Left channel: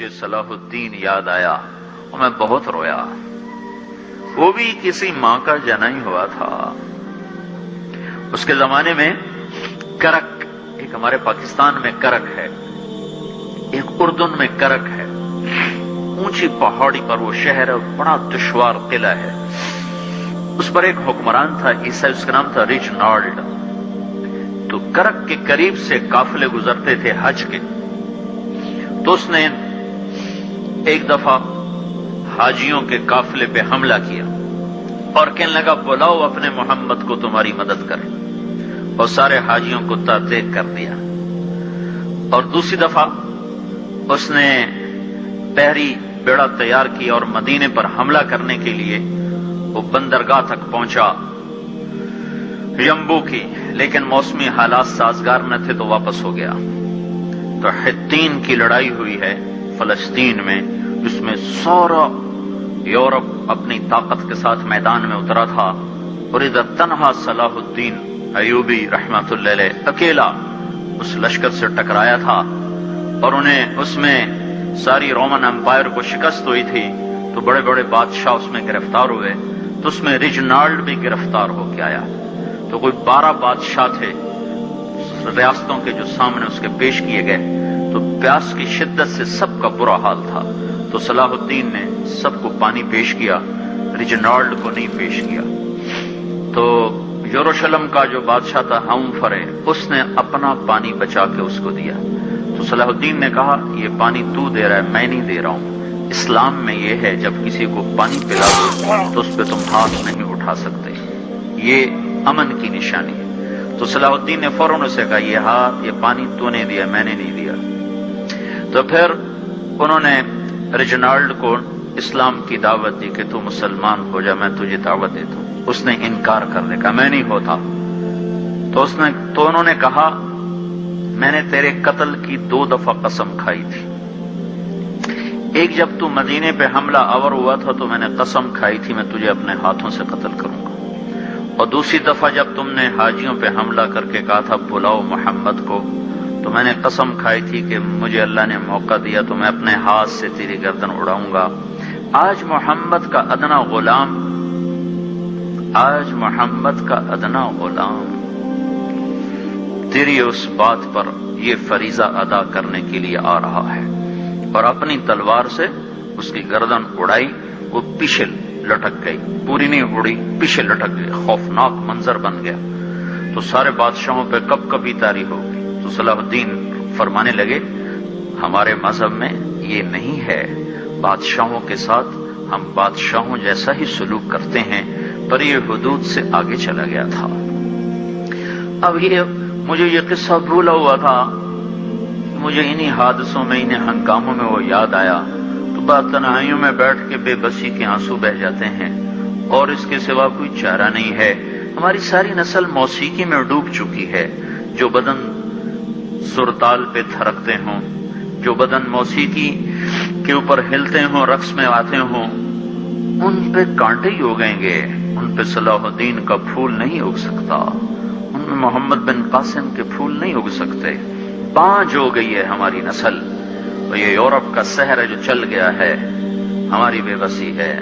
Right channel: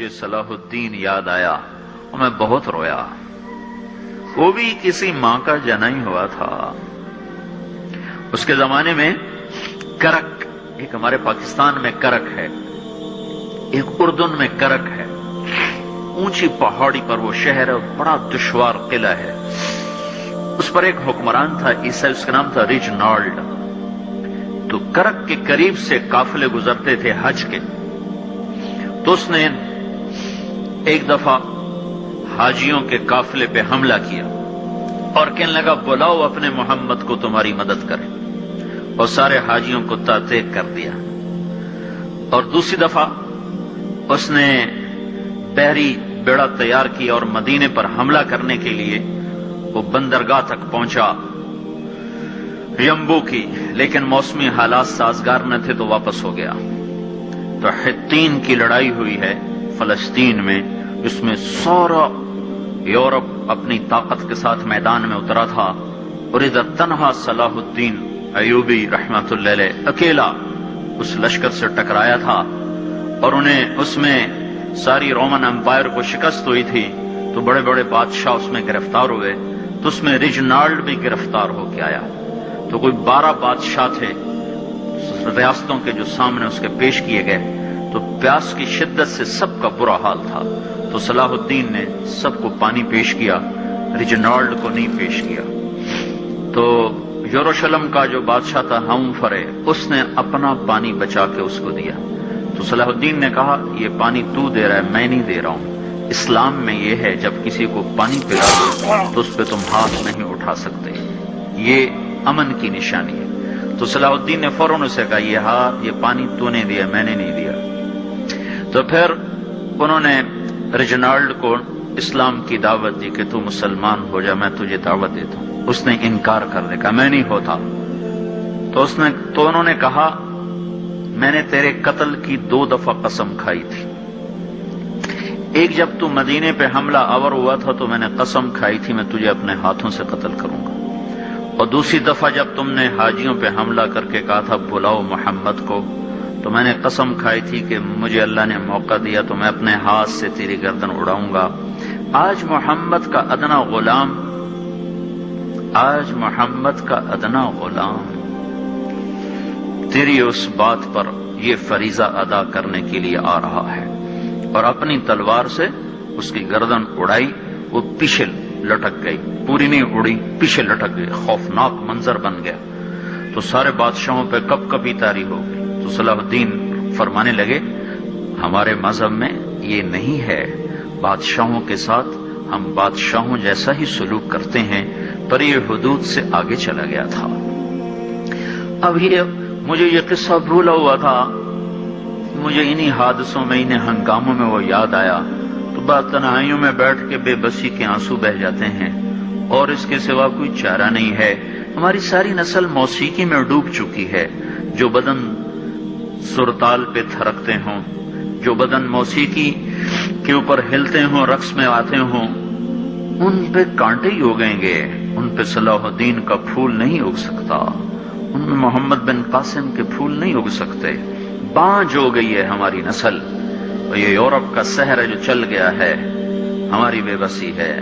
مجھے صلاح الدین یاد آیا اور میں بہت رویا. وہ بھی کسی ماں کا جنم ہوا تھا. اس کے زمانے میں کرک، ایک ہمارے پاکستان میں کرک ہے، ایک اردن میں کرک ہے. اونچی پہاڑی پر وہ شہر ہے، بڑا دشوار قلعہ ہے. اس پر ایک حکمران تھا عیسائی، اس کا نام تھا ریجنالڈ. تو کرک کے قریب سے قافلے گزرتے تھے حج کے. تو اس نے ایک دفعہ حاجیوں کے قافلے پہ حملہ کیا اور کہنے لگا بلاؤ اپنے محمد کو تمہاری مدد کر، اور سارے حاجیوں کو تعطیل کر دیا. اور دوسری دفعہ اس نے بحری بیڑا تیار کیا اور مدینے پر حملہ کرنے کے لیے وہ بندرگاہ تک پہنچا ینبو کی، لیکن موسمی حالات سازگار نہ تھے تو واپس ہو گیا. تو حطین کی لڑائی ہوئی ہے فلسطین میں، جس میں سارا یورپ اپنی طاقت کے ساتھ میدان میں اترا تھا، اور ادھر تنہا صلاح الدین ایوبی رحمت اللہ علیہ اکیلا اس لشکر سے ٹکرایا تھا. اور انہیں اس میں ساری رومن امپائر کو شکست ہوئی تھی. تو بڑے بڑے بادشاہ اس میں گرفتار ہوئے. تو اس میں ریجنالڈ بھی گرفتار ہو کے آیا. تو کوئی 12 بادشاہ تھے ریاستوں کے جو سامنے اس کے پیش کیے گئے. تو پیاس کی شدت سے سب کا برا حال تھا. تو صلاح الدین نے سب کو پانی پیش کیا، ریجنالڈ کو نہیں پیش کیا. تو یروشلم کا جو بادشاہ تھا ہمفرے، اس نے اپنا پانی بچا کے اس کو دیا. تو صلاح الدین نے کہا یہ پانی تو دے رہا ہے، میں نہیں دے رہا ہوں. اسلام میں یہ ہے جب کسی کو پانی پلاؤ تو اس پہ تم ہاتھ نہیں اٹھا سکتے، یہ امن کی نشانی ہے. تو صلاح الدین نے فوراً اسے کہا یہ پانی تو نے دیا، میں نے نہیں دیا. تو پھر انہوں نے ریجنالڈ کو اسلام کی دعوت دی کہ تو مسلمان ہو جا، میں تجھے دعوت دیتا ہوں. اس نے انکار کر دیا، کہا میں نہیں ہوتا. تو انہوں نے کہا میں نے تیرے قتل کی 2 دفعہ قسم کھائی تھی. ایک جب تو مدینے پہ حملہ آور ہوا تھا تو میں نے قسم کھائی تھی میں تجھے اپنے ہاتھوں سے قتل کروں گا. اور دوسری دفعہ جب تم نے حاجیوں پہ حملہ کر کے کہا تھا بلاؤ محمد کو، تو میں نے قسم کھائی تھی کہ مجھے اللہ نے موقع دیا تو میں اپنے ہاتھ سے تیری گردن اڑاؤں گا. آج محمد کا ادنا غلام تیری اس بات پر یہ فریضہ ادا کرنے کے لیے آ رہا ہے. اور اپنی تلوار سے اس کی گردن اڑائی. وہ پیچھے لٹک گئی، پوری نہیں اڑی، پیچھے لٹک گئی. خوفناک منظر بن گیا. تو سارے بادشاہوں پہ کب کبھی تاری ہو گئی. تو صلاح الدین فرمانے لگے ہمارے مذہب میں یہ نہیں ہے، بادشاہوں کے ساتھ ہم بادشاہوں جیسا ہی سلوک کرتے ہیں. پر یہ حدود سے آگے چلا گیا تھا. اب مجھے یہ قصہ بھولا ہوا تھا، مجھے انہی حادثوں میں، انہی ہنگاموں میں وہ یاد آیا. تو بعد تنہائیوں میں بیٹھ کے بے بسی کے آنسو بہ جاتے ہیں، اور اس کے سوا کوئی چارہ نہیں ہے. ہماری ساری نسل موسیقی میں ڈوب چکی ہے. جو بدن سرتال پہ تھرکتے ہوں، جو بدن موسیقی کے اوپر ہلتے ہوں، رقص میں آتے ہوں، ان پہ کانٹے ہی اگیں گے. ان پہ صلاح الدین کا پھول نہیں اگ سکتا، ان میں محمد بن قاسم کے پھول نہیں اگ سکتے. بانجھ ہو گئی ہے ہماری نسل. یہ یورپ کا سحر جو چل گیا ہے، ہماری بے بسی ہے.